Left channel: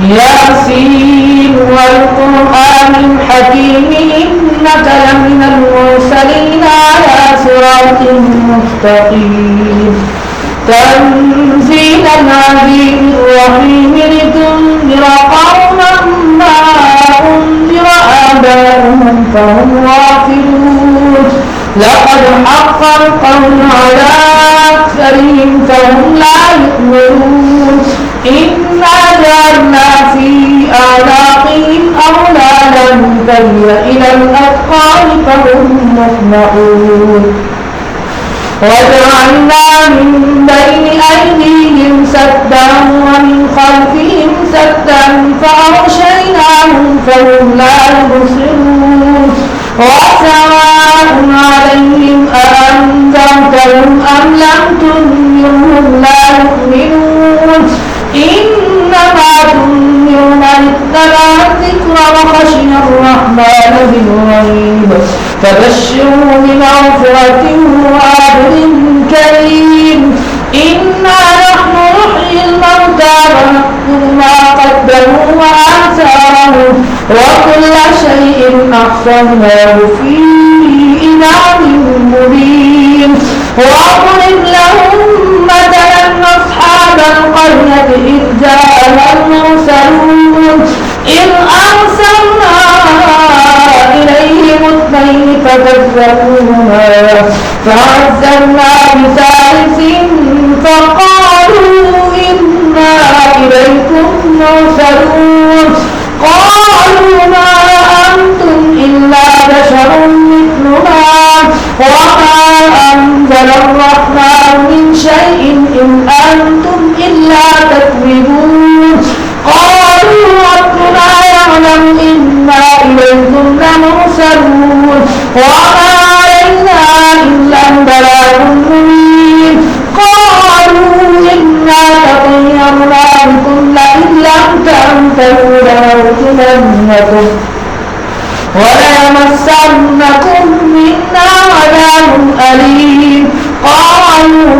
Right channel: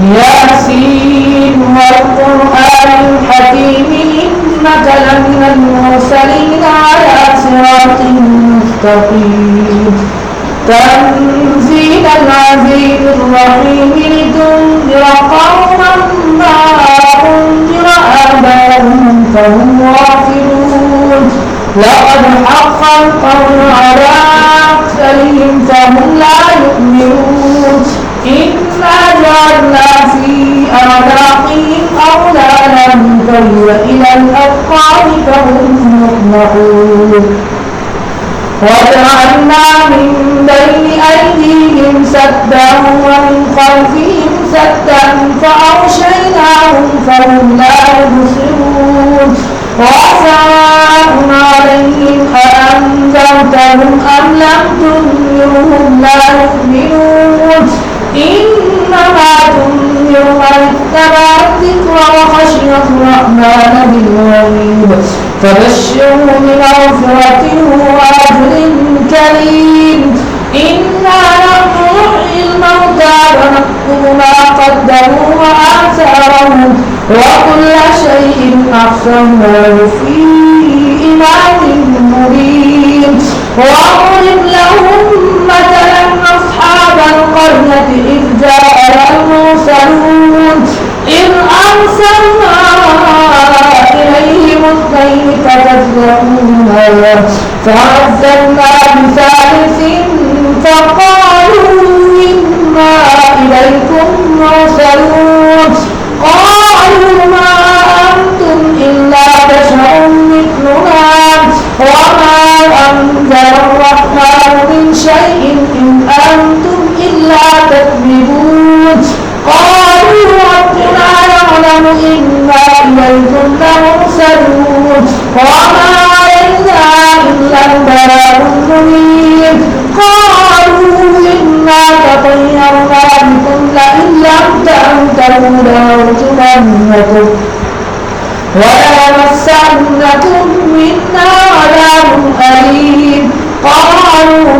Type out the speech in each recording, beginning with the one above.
ياسين والقرآن الحكيم إنك لمن المرسلين على صراط مستقيم تنزيل العزيز الرحيم لتنذر قوما ما أنذر آباؤهم فهم غافلون لقد حق القول على أكثرهم فهم لا يؤمنون إنا جعلنا في أعناقهم أغلالا فهي إلى الأذقان فهم مقمحون وجعلنا من بين أيديهم سدا ومن خلفهم سدا فأغشيناهم فهم لا يبصرون وسواء عليهم أأنذرتهم أم لم تنذرهم لا يؤمنون إنما تنذر من اتبع الذكر وخشي الرحمن بالغيب فبشره بمغفرة وأجر كريم إنا نحن نحيي الموتى ونكتب ما قدموا وآثارهم وكل شيء أحصيناه في إمام مبين واضرب لهم مثلا أصحاب القرية إذ جاءها المرسلون إذ أرسلنا إليهم اثنين فكذبوهما فعززنا بثالث فقالوا إنا إليكم مرسلون قالوا ما أنتم إلا بشر مثلنا وما أنزل الرحمن من شيء إن أنتم إلا تكذبون قالوا ربنا يعلم إنا إليكم لمرسلون وما علينا إلا البلاغ المبين قالوا إنا تطيرنا بكم لئن لم تنتهوا لنرجمنكم وليمسنكم منا عذاب أليم قالوا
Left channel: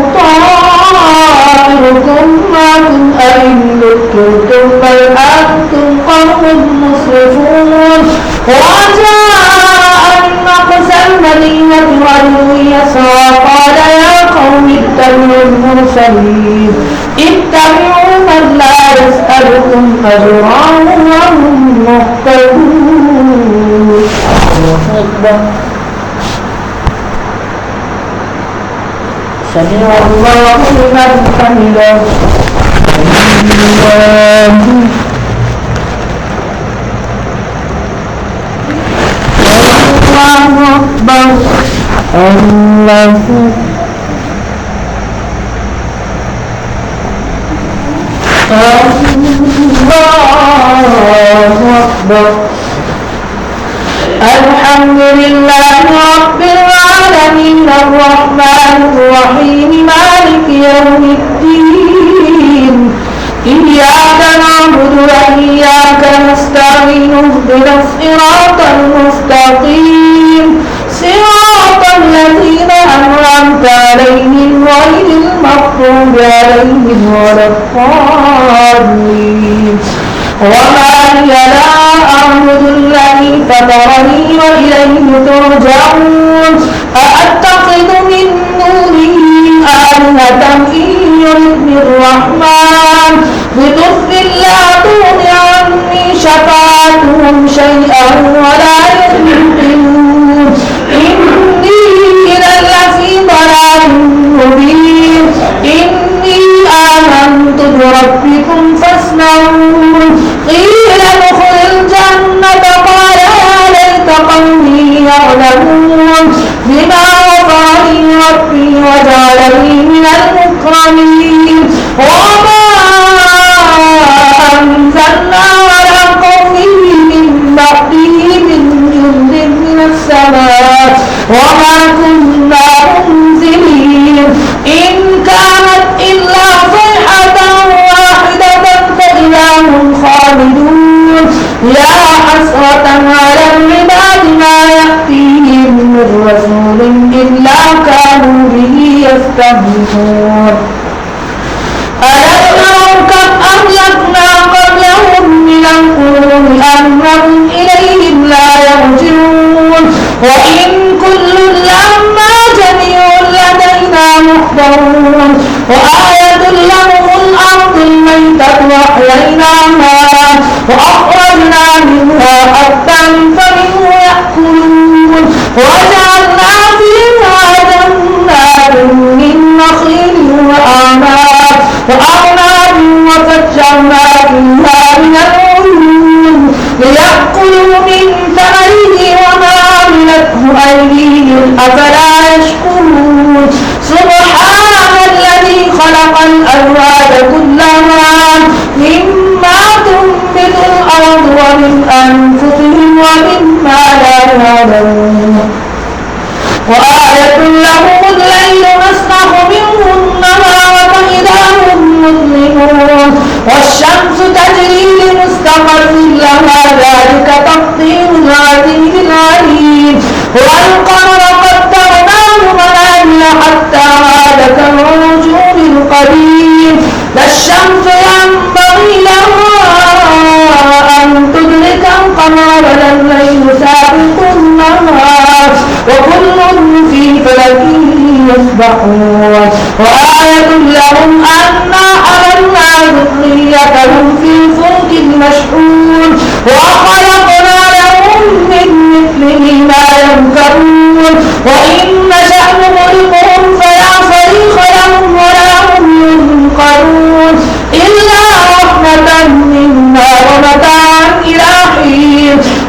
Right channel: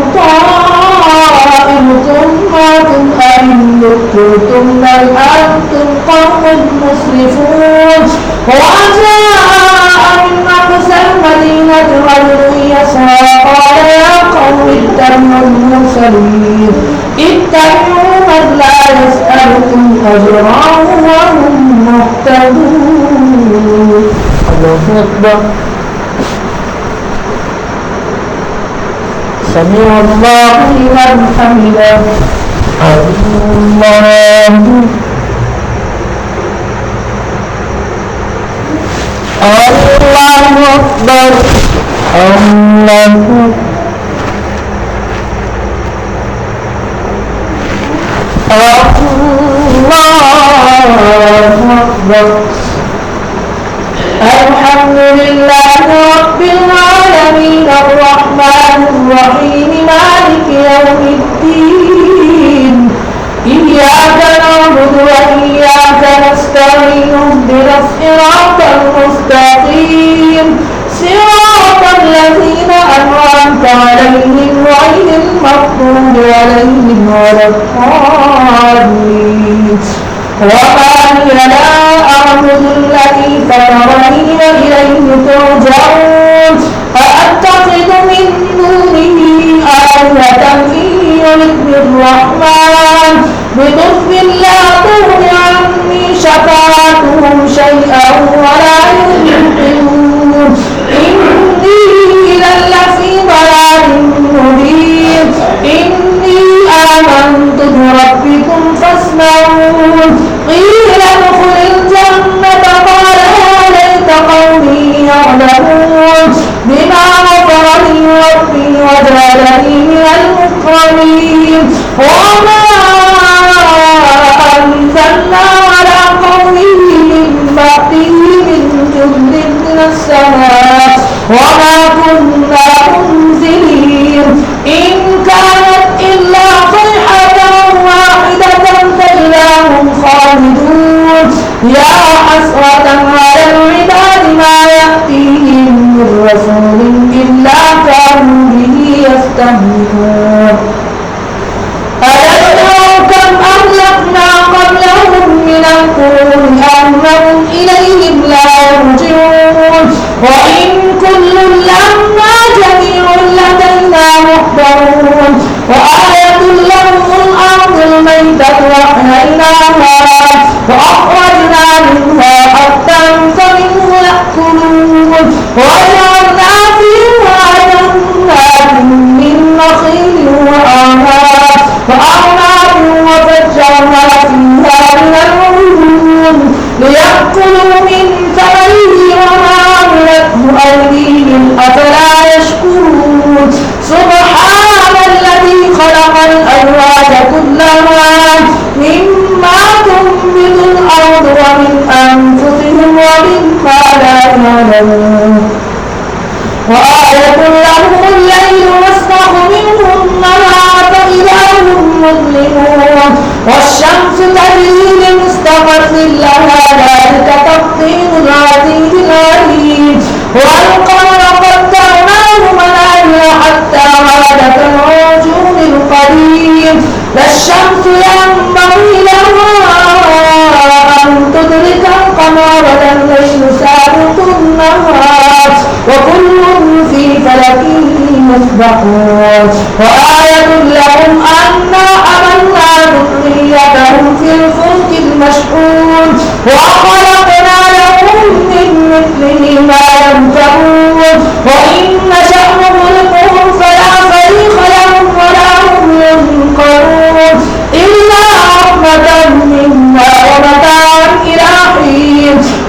طائركم معكم أئن ذكرتم بل أنتم قوم مسرفون وجاء من أقصى المدينة رجل يسعى قال يا قوم اتبعوا المرسلين اتبعوا من لا يسألكم أجرا وهم مهتدون. الله أكبر. سمع الله لمن حمده. الله أكبر. الله أكبر. الحمد لله رب العالمين الرحمن الرحيم مالك يوم الدين إياك نعبد وإياك نستعين اهدنا الصراط المستقيم صراط الذين أنعمت عليهم غير المغضوب عليهم ولا الضالين وما لي لا أعبد الذي فطرني وإليه ترجعون أأتخذ من دونه آلهة إن يردني الرحمن بضر لا تغن عني شفاعتهم شيئا ولا ينقذون إني إذا لفي ضلال مبين إني آمنت بربكم فاسمعون قيل ادخل الجنة قال يا ليت قومي يعلمون بما غفر لي ربي وجعلني من المكرمين وما أنزلنا على قومه من بعده من جند من السماء وما كنا منزلين إن كانت إلا صيحة واحدة فإذا هم خالدون يا حسرة على العباد ما يأتيهم من رسول إلا كانوا به يستهزئون ألم يروا كم أهلكنا قبلهم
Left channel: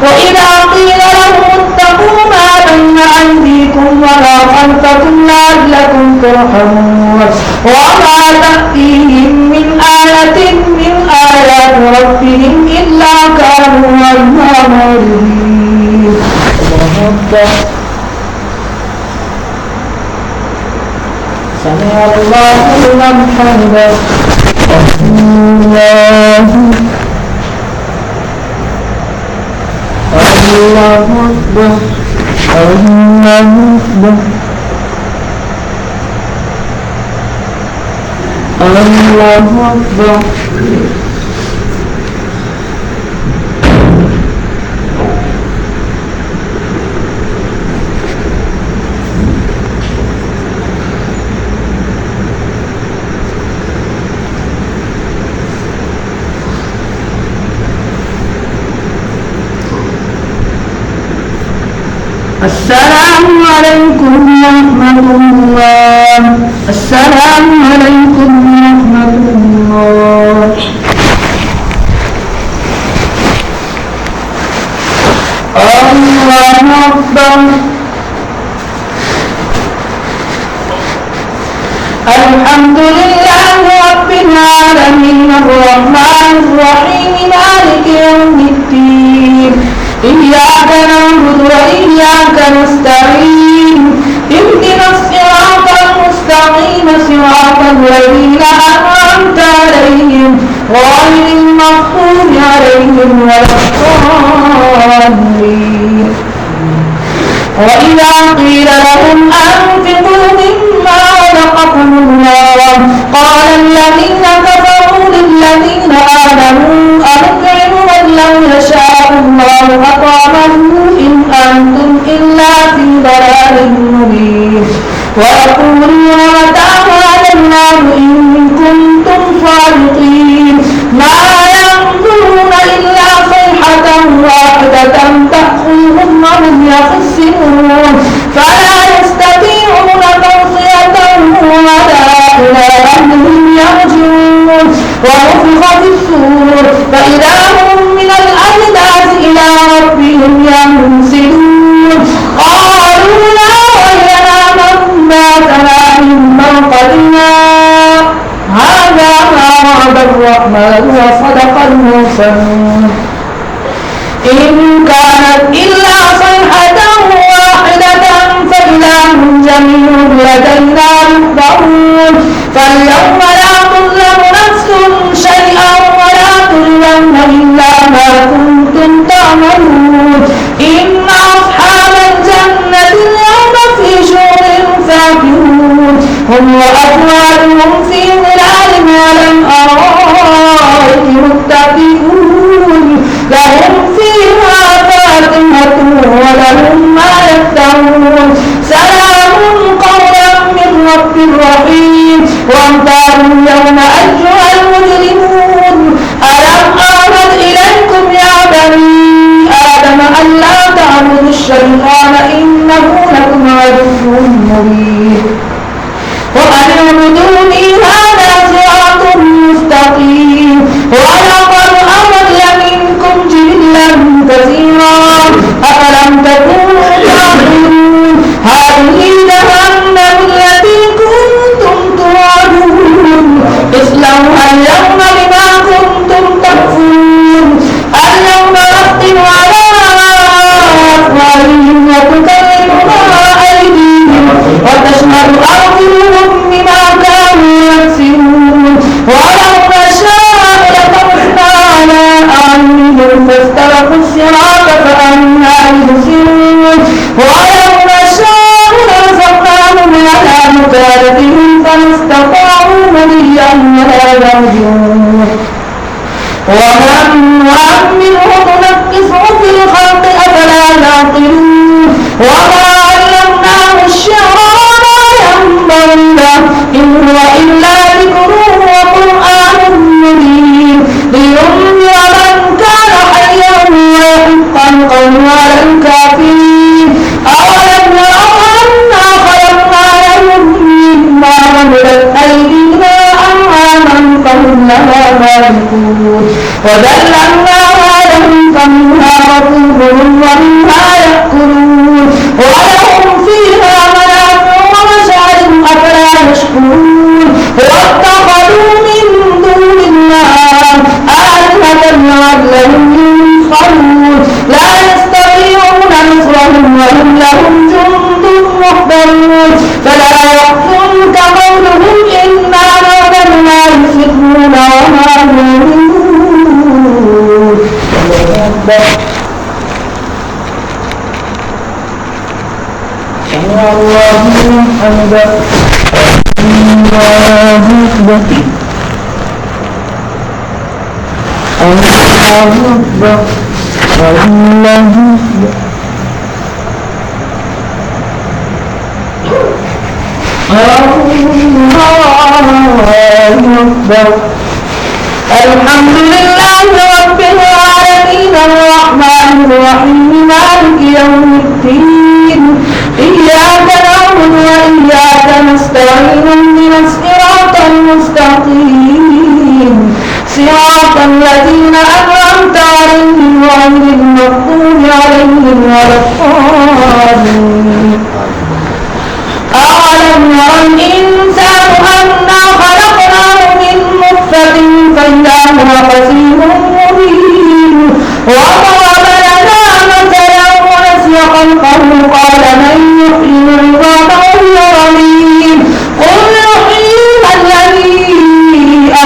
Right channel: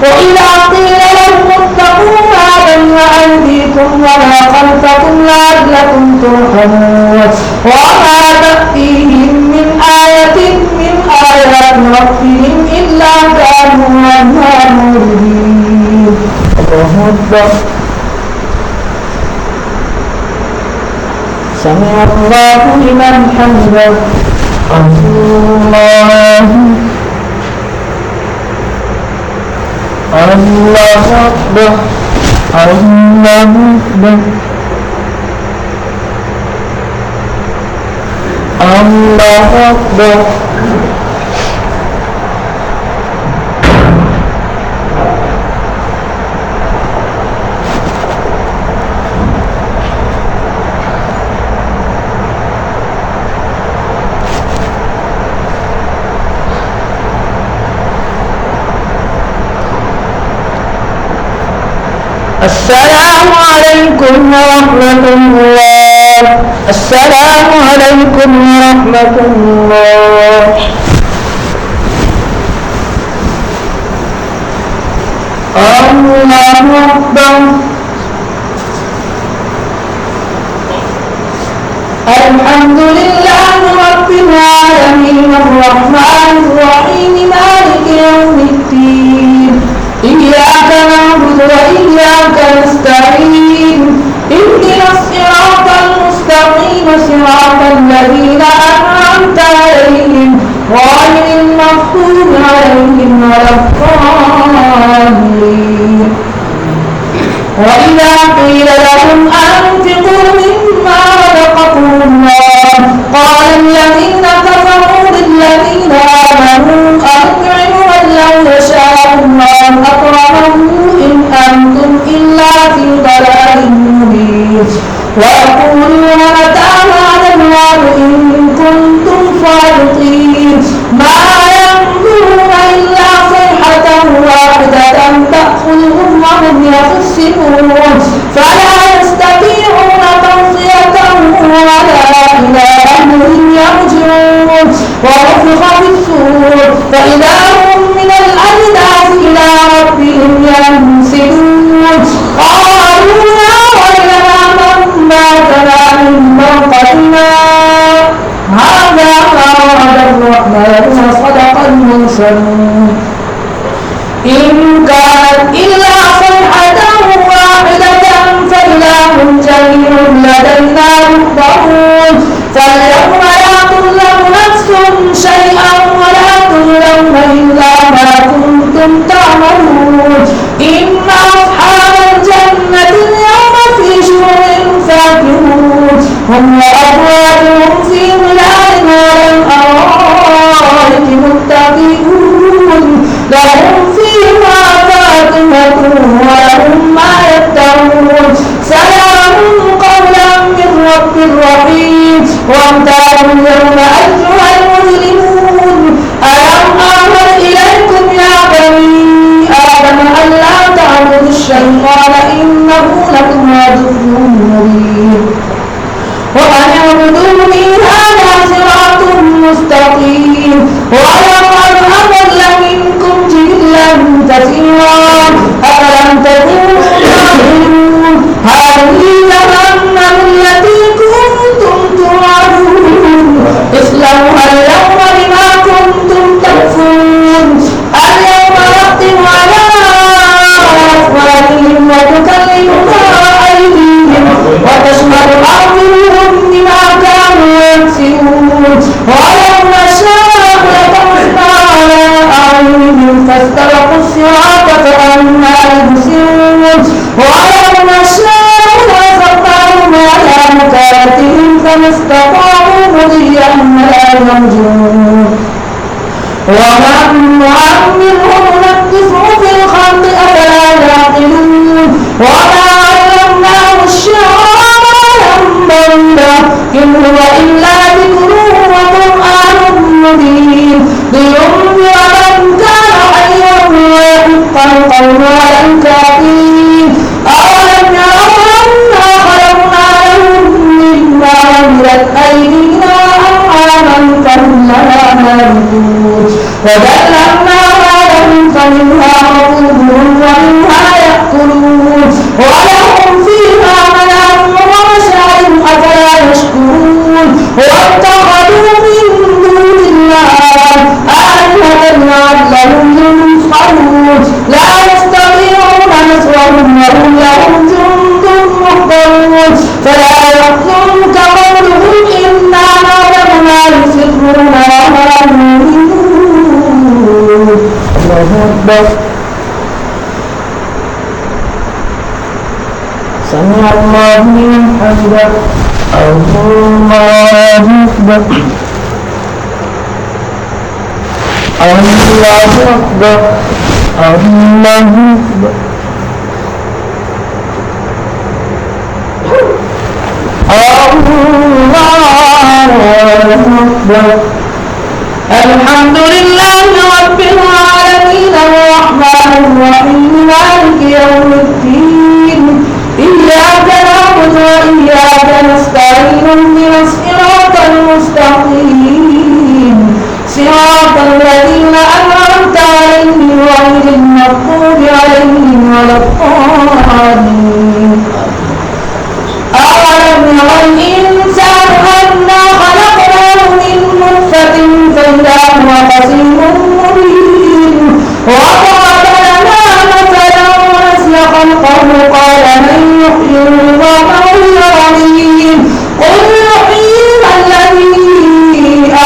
وإذا قيل لهم اتقوا ما بين أيديكم وما خلفكم لعلكم ترحمون وما تأتيهم من آية من آيات ربهم إلا كانوا عنها معرضين. الله أكبر. سمع الله لمن حمده. الله الله أكبر. الله أكبر. الله أكبر. السلام عليكم ورحمة الله. السلام عليكم ورحمة الله. الله أكبر. الحمد لله رب العالمين الرحمن الرحيم مالك يوم الدين إياك نعبد وإياك نستعين اهدنا الصراط المستقيم صراط الذين أنعمت عليهم غير المغضوب عليهم ولا الضالين. وإذا قيل لهم أنفقوا مما رزقكم الله قال الذين كفروا للذين آمنوا أنطعم من لو يشاء الله أطعمه إن أنتم إلا في ضلال مبين. ويقولون متى هذا الوعد إن كنتم صادقين ما ينظرون إلا صيحة واحدة تأخذهم وهم يخصمون فلا يستطيعون توصية ولا إلى أهلهم يرجعون. ونفخ في الصور فإذا هم من الأجداث إلى ربهم ينسلون. قالوا يا ويلنا من بعثنا من مرقدنا هذا ما وعد الرحمن وصدق المرسلون. إن كانت إلا صيحة واحدة فإذا هم جميع لدينا يحضرون. فاليوم لا تظلم نفس شيئا ولا تظلمون إلا ما كنتم تعملون. إن أصحاب الجنة اليوم في شغل فاكهون هم وأزواجهم في ظلال على الأرائك متكئون لهم فيها فاكهة ولهم ما يدعون. سلام قولا من رب رحيم. وامتازوا اليوم أيها المجرمون ألم أعهد إليكم يا بني آدم ألا تعبدوا الشيطان إنه لكم عدو مبين. وأن اعبدوني هذا صراط مستقيم. ولقد أضل منكم جبلا كثيرا أفلم تكونوا تعقلون. هذه جهنم التي كنتم توعدون اصلوها اليوم بما كنتم تكفرون. اليوم نختم على أفواههم وتكلمنا أيديهم وتشهد أرجلهم بما كانوا يكسبون. ولو نشاء لطمسنا على أعينهم فاستبقوا الصراط فأنى يبصرون. ولو نشاء لرزقناهم على مكانتهم فما استطاعوا مضيا ولا يرجعون. ومن نعمره ننكسه في الخلق أفلا يعقلون. وما علمناه الشعر وما ينبغي له إن هو إلا ذكر وقرآن مبين لينذر من كان حيا ويحق القول على الكافرين. أولم يروا أنا خلقنا لهم مما عملت أيدينا أنعاما فهم لها مالكون وذللناها لهم منها ركوبهم ومنها يأكلون ولهم فيها منافع ومشارب أفلا يشكرون واتخذوا من دون الله آلهة لعلهم ينصرون لا يستطيعون نصرهم وهم لهم جند محضرون فلا يحزنك قولهم إنا نعلم ما يسرون وما يعلنون. سمع الله لمن حمده. الله أكبر. الله أكبر. الله أكبر. الحمد لله رب العالمين الرحمن الرحيم مالك يوم الدين إياك نعبد وإياك نستعين اهدنا الصراط المستقيم صراط الذين أنعمت عليهم غير المغضوب عليهم ولا الضالين. أولم يرى الإنسان أنا خلقناه من نطفة فإذا هو خصيم مبين وضرب لنا مثلا ونسي خلقه قال من يحيي العظام وهي رميم قل يحييها الذي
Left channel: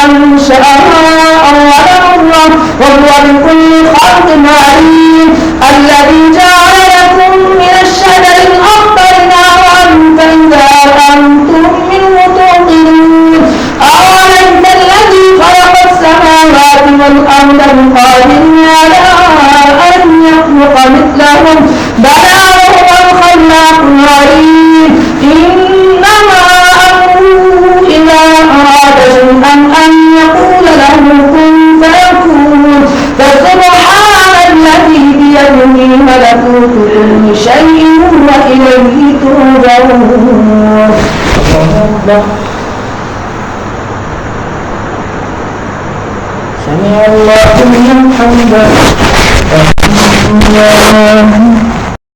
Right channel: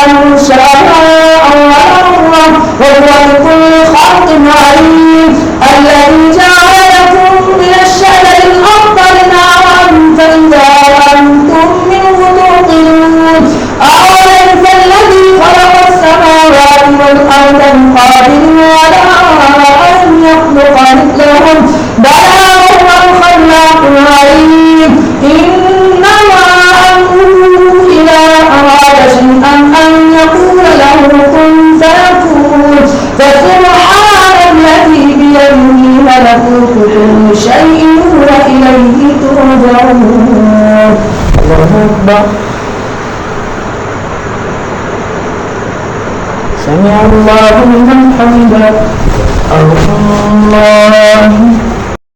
أنشأها أول مرة وهو بكل خلق عليم الذي جعل لكم من الشجر الأخضر نارا فإذا أنتم منه توقدون أوليس الذي خلق السماوات والأرض بقادر على أن يخلق مثلهم بلى وهو الخلاق العليم إنما أمره إذا أراد شيئا أن يقول له كن فيكون فسبحان الذي بيده ملكوت كل شيء وإليه ترجعون. سمع الله لمن حمده. الله